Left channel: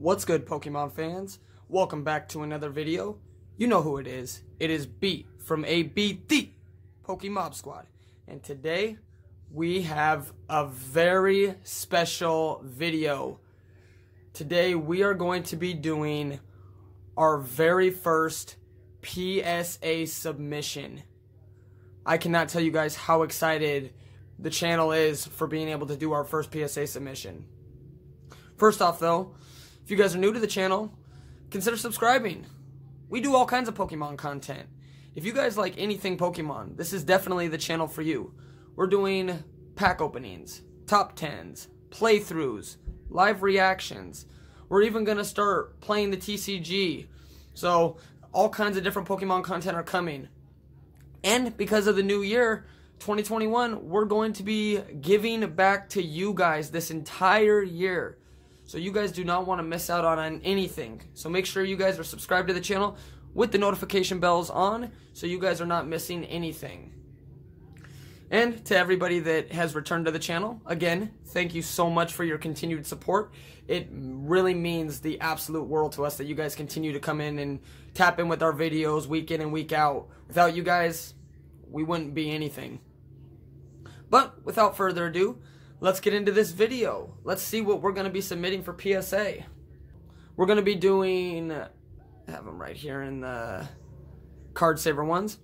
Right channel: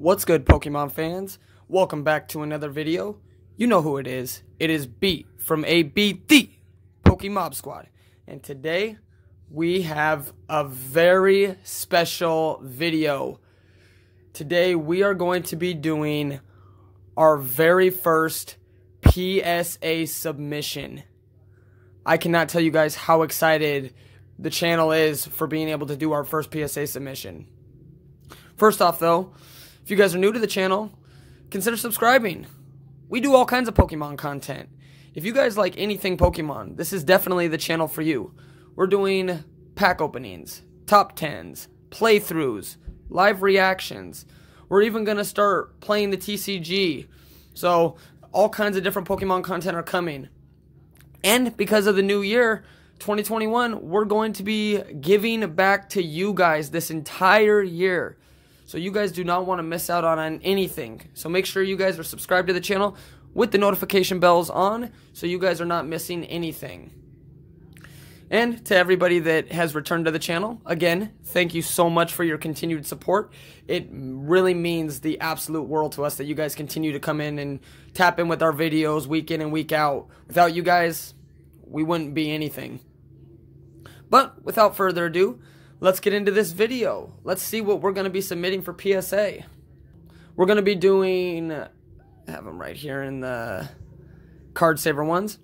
What's good, Pokemon fans? Welcome back to another video. You know who it is. It is B from ABD, Pokemon Squad. And today, we have a very special video. Today, we are going to be doing our very first PSA submission. I cannot tell you guys how excited the channel is for being able to do our first PSA submission. First off, though, if you guys are new to the channel, consider subscribing. We do all kinds of Pokemon content. If you guys like anything Pokemon, this is definitely the channel for you. We're doing pack openings, top 10s, playthroughs, live reactions. We're even going to start playing the TCG. So, all kinds of different Pokemon content are coming. And because of the new year, 2021, we're going to be giving back to you guys this entire year. So you guys do not want to miss out on anything. So make sure you guys are subscribed to the channel with the notification bells on so you guys are not missing anything. And to everybody that has returned to the channel, again, thank you so much for your continued support. It really means the absolute world to us that you guys continue to come in and tap in with our videos week in and week out. Without you guys, we wouldn't be anything. But without further ado, let's get into this video. Let's see what we're going to be submitting for PSA. We're going to be doing, I have them right here in the card saver ones.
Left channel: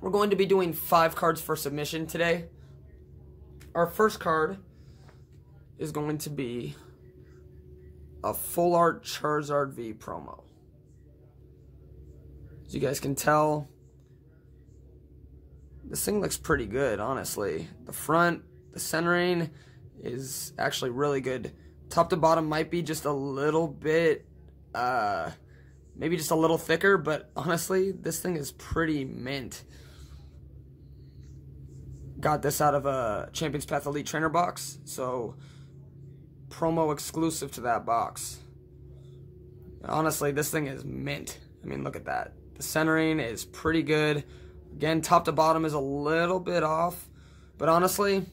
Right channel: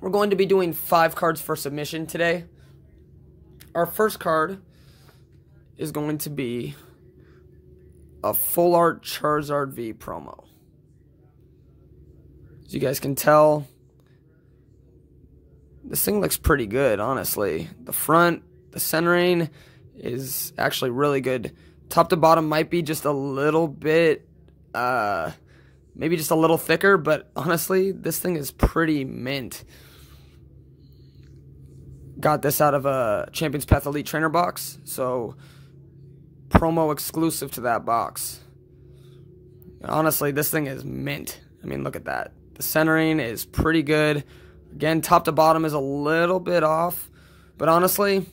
We're going to be doing 5 cards for submission today. Our first card is going to be a full art Charizard V promo. As you guys can tell, this thing looks pretty good, honestly. The front, the centering is actually really good. Top to bottom might be just a little bit, maybe just a little thicker, but honestly, this thing is pretty mint. Got this out of a Champions Path Elite Trainer box, so promo exclusive to that box. Honestly, this thing is mint. I mean, look at that. The centering is pretty good. Again, top to bottom is a little bit off, but honestly,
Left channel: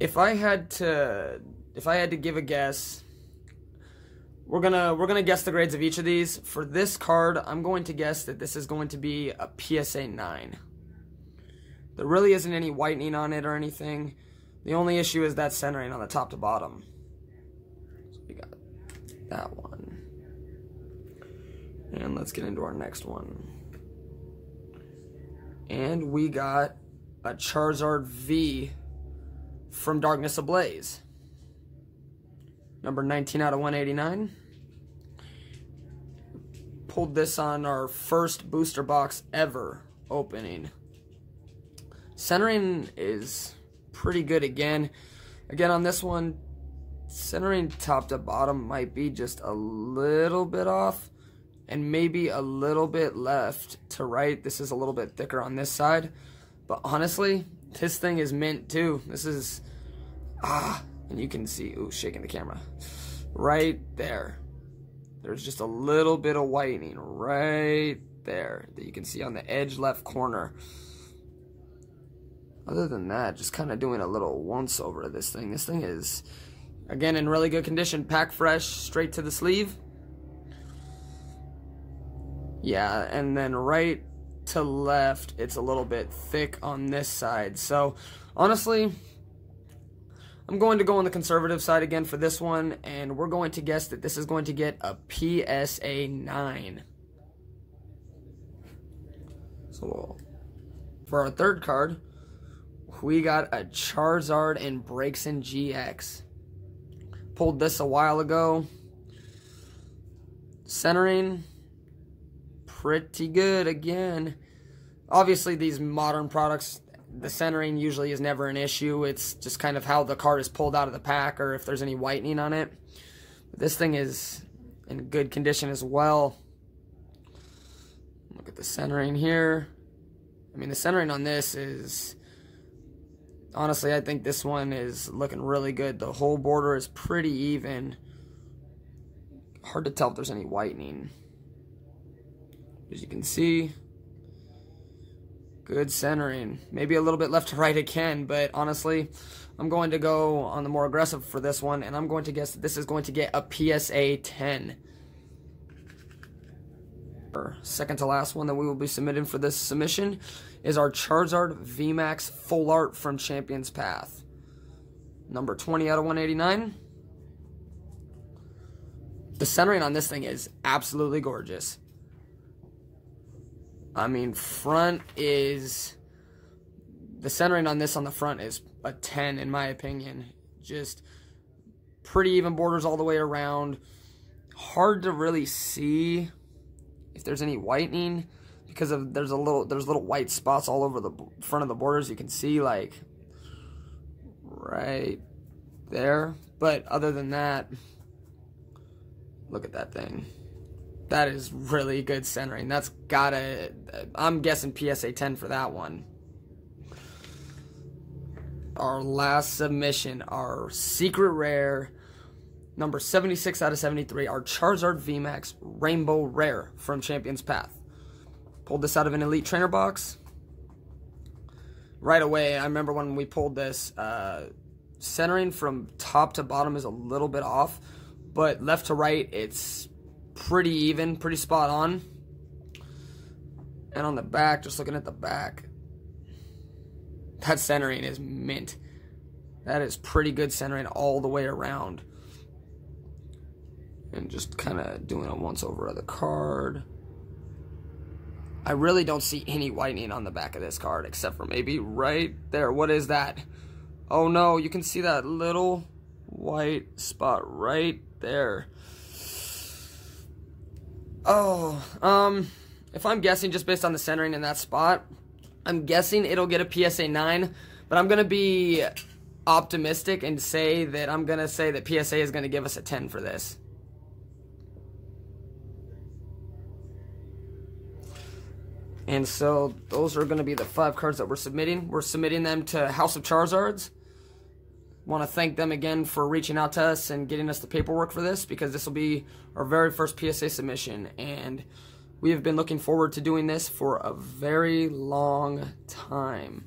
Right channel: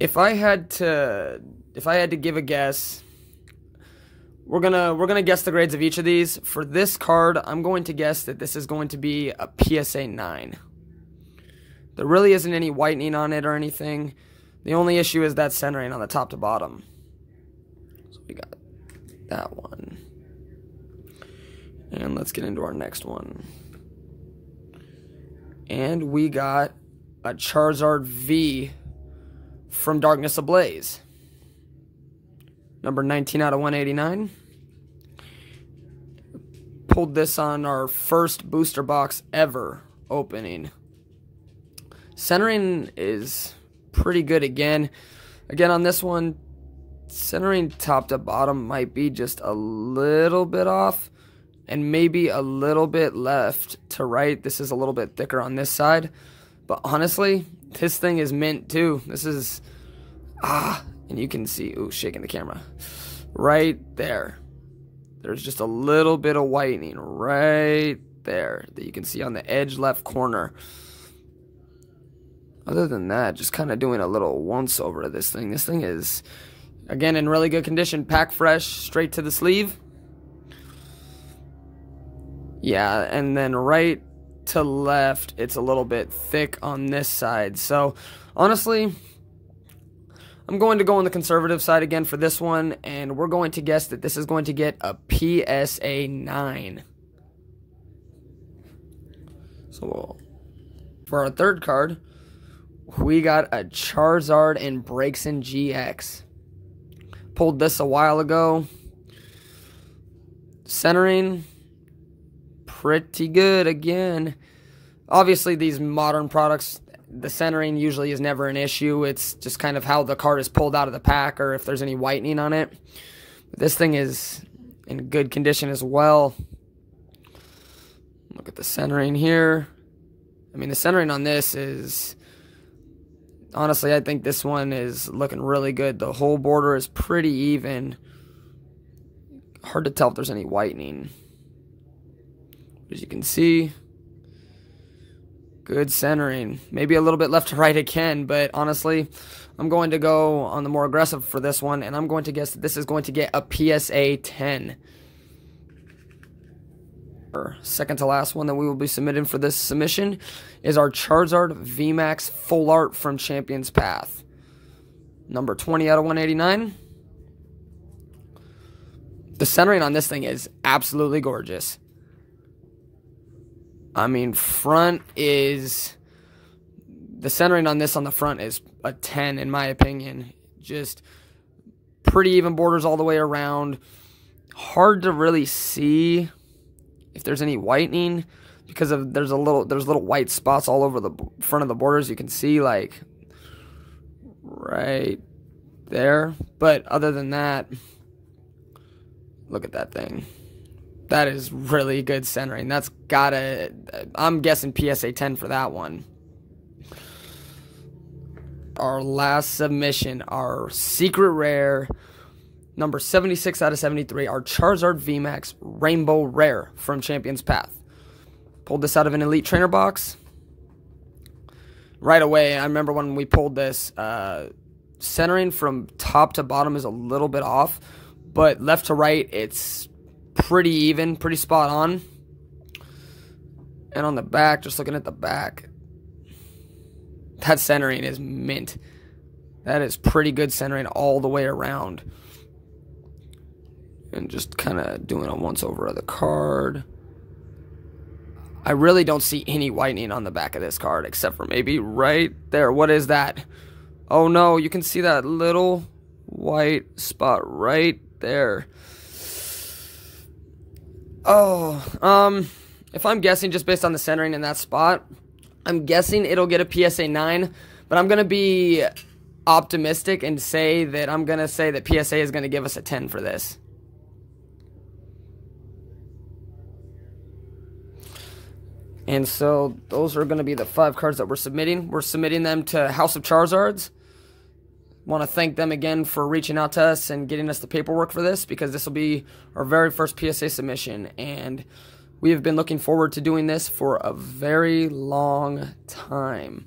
if I had to give a guess, we're gonna guess the grades of each of these. For this card, I'm going to guess that this is going to be a PSA 9. There really isn't any whitening on it or anything. The only issue is that centering on the top to bottom. So we got that one. And let's get into our next one. And we got a Charizard V from Darkness Ablaze. Number 19 out of 189. Pulled this on our first booster box ever opening. Centering is pretty good again. Again, on this one, centering top to bottom might be just a little bit off. And maybe a little bit left to right. This is a little bit thicker on this side. But honestly, this thing is mint too. This is, and you can see, ooh, shaking the camera. Right there. There's just a little bit of whitening right there that you can see on the edge left corner. Other than that, just kind of doing a little once over to this thing. This thing is, again, in really good condition. Pack fresh, straight to the sleeve. Yeah, and then right to left, it's a little bit thick on this side. So, honestly, I'm going to go on the conservative side again for this one, and we're going to guess that this is going to get a PSA 9. So, for our third card, we got a Charizard and Braixen GX. Pulled this a while ago. Centering, pretty good again. Obviously, these modern products, the centering usually is never an issue. It's just kind of how the card is pulled out of the pack or if there's any whitening on it. This thing is in good condition as well. Look at the centering here. I mean, the centering on this is, honestly, I think this one is looking really good. The whole border is pretty even. Hard to tell if there's any whitening. As you can see, Good centering. Maybe a little bit left to right again, but honestly, I'm going to go on the more aggressive for this one, and I'm going to guess that this is going to get a PSA 10. Our second to last one that we will be submitting for this submission is our Charizard Vmax Full Art from Champions Path. Number 20 out of 189. The centering on this thing is absolutely gorgeous. I mean, the centering on this on the front is a 10 in my opinion. Just pretty even borders all the way around. Hard to really see if there's any whitening because there's little white spots all over the front of the borders. You can see like right there. But other than that, look at that thing. That is really good centering. That's gotta, I'm guessing PSA 10 for that one. Our last submission, our secret rare, number 76 out of 73, our Charizard VMAX Rainbow Rare from Champions Path. Pulled this out of an Elite Trainer box. Right away, I remember when we pulled this, centering from top to bottom is a little bit off, but left to right, it's pretty even, pretty spot on. And on the back, just looking at the back, that centering is mint. That is pretty good centering all the way around. And just kind of doing a once over of the card. I really don't see any whitening on the back of this card, except for maybe right there. What is that? Oh no, you can see that little white spot right there. Oh, if I'm guessing just based on the centering in that spot, I'm guessing it'll get a PSA 9, but I'm going to be optimistic and say that I'm going to say that PSA is going to give us a 10 for this. And so those are going to be the 5 cards that we're submitting. We're submitting them to House of Charizards. Want to thank them again for reaching out to us and getting us the paperwork for this, because this will be our very first PSA submission, and we have been looking forward to doing this for a very long time.